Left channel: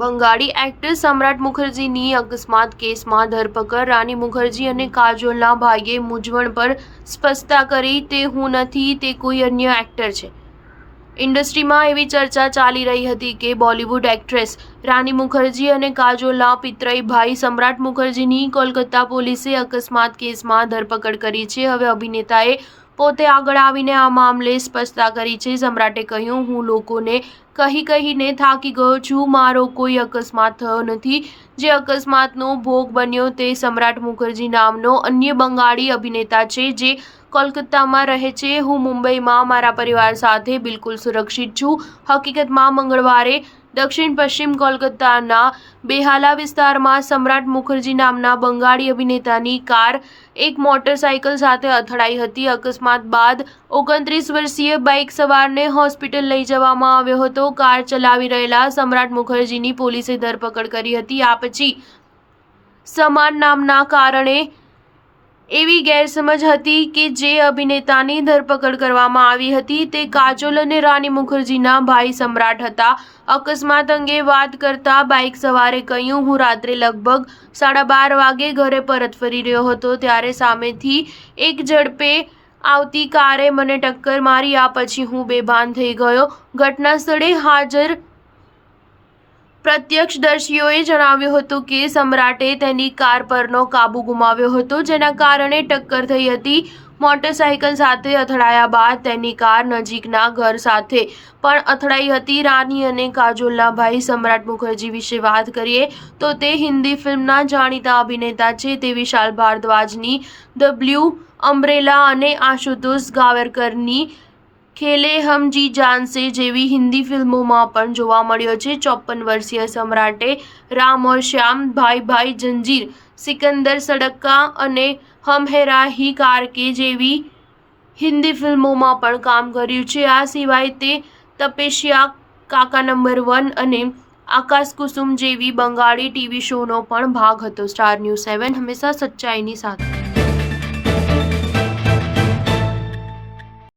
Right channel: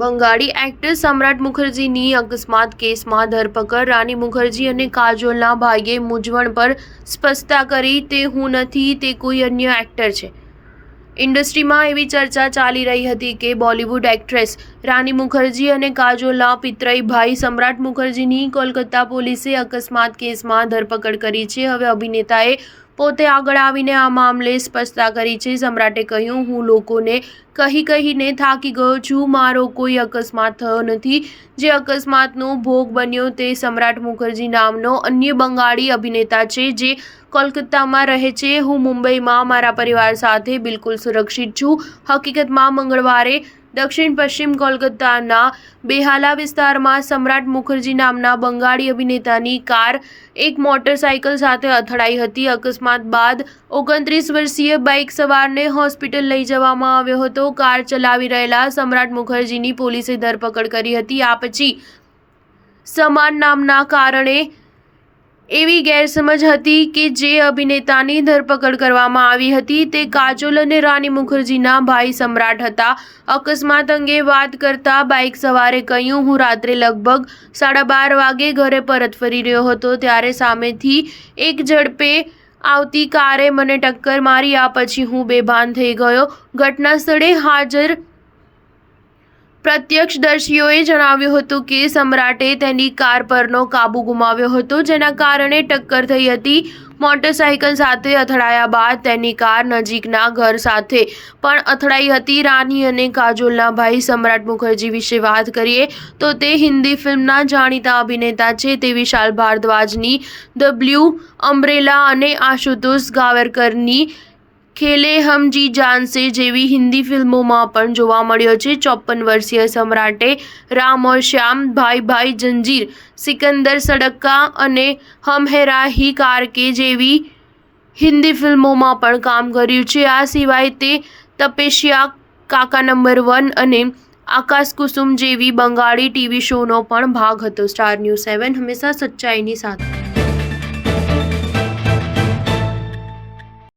Bengali actor સમ્રાટ મુખર્જીની અકસ્માત કેસમાં ધરપકડ રાની મુખર્જી અને કાજોલના ભાઈએ મૂંઝવણ પર સ્પષ્ટતા કરી, તે હું નથી, તે કોઈ અન્ય એક્ટર છે। ઇન્ડસ્ટ્રીમાં એવી ચર્ચા ચાલી રહી હતી કે બોલિવૂડ એક્ટ્રેસ રાની મુખર્જી અને કાજોલના પિતરાઈ ભાઈ સમ્રાટ મુખર્જીની કોલકાતા પોલીસે અકસ્માત કેસમાં ધરપકડ કરી છે। હવે અભિનેતાએ પોતે આગળ આવીને આ મામલે સ્પષ્ટતા કરી છે। સમ્રાટે કહ્યું, હું લોકોને કહીને થાકી ગયો છું, મારો કોઈ અકસ્માત થયો નથી। જે અકસ્માતનો ભોગ બન્યો તે સમ્રાટ મુખર્જી નામનો અન્ય બંગાળી અભિનેતા છે, જે કોલકાતામાં રહે છે। હું મુંબઈમાં મારા પરિવાર સાથે બિલકુલ સુરક્ષિત છું। હકીકતમાં મંગળવારે દક્ષિણ પશ્ચિમ કોલકાતાના બેહાલા વિસ્તારમાં સમ્રાટ મુખર્જી નામના બંગાળી અભિનેતાની કાર એક મોટરસાઇકલ સાથે અથડાઈ હતી। અકસ્માત બાદ 29 વર્ષીય બાઇક સવારને હોસ્પિટલ લઈ જવામાં આવ્યો હતો। કાર ચલાવી રહેલા સમ્રાટ મુખર્જીની પોલીસે ધરપકડ કરી હતી। આ પછી સમાન નામના કારણે એવી ગેરસમજ હતી કે જે અભિનેતાની ધરપકડ કરવામાં આવી હતી તે કાજોલ અને રાની મુખર્જીના ભાઈ સમ્રાટ હતા। અકસ્માત અંગે વાત કરતા બાઇક સવારે કહ્યું, હું રાત્રે લગભગ 12:30 વાગે ઘરે પરત ફરી રહ્યો હતો, ત્યારે સામેથી એક ઝડપે આવતી કારે મને ટક્કર મારી। આ પછી હું બેભાન થઈ ગયો। ઘટના સ્થળે હાજર પ્રત્યક્ષદર્શીઓએ જણાવ્યું હતું કે સમ્રાટે તેની કાર પરનો કાબુ ગુમાવ્યો હતો, જેના કારણે ટક્કર થઈ હતી। મોટરસાઇકલ સાથે અથડાયા બાદ તેની કાર નજીકના ઘર સાથે પણ અથડાઈ હતી। રાની અને કાજોલના ભાઈ સમ્રાટ મુખર્જી વિશે વાત કરીએ તો તે હિન્દી ફિલ્મના જાણીતા અભિનેતા છે। તે વિશાલ ભારદ્વાજની ધ બ્લુ અમ્બ્રેલા અને આશુતોષ ગાવરકરની ખેલે હમ જી જાનસે જેવી હિન્દી ફિલ્મોમાં પણ જોવા મળ્યો છે। 54 વર્ષીય સમ્રાટે રામ ઓર શ્યામ, ભાઈ ભાઈ જંજીર, સિકંદર સડક્કા અને હમ હે રાહી કાર કે જેવી હિન્દી ફિલ્મોમાં પણ કામ કર્યું છે। આ સિવાય તે તપસ્યા, કાકા નંબર 1 અને આકાશ કુસુમ જેવી બંગાળી ટીવી શોનો પણ ભાગ હતો। સ્ટાર ન્યૂઝ 7 હંમેશા સચ્ચાઈની સાથે।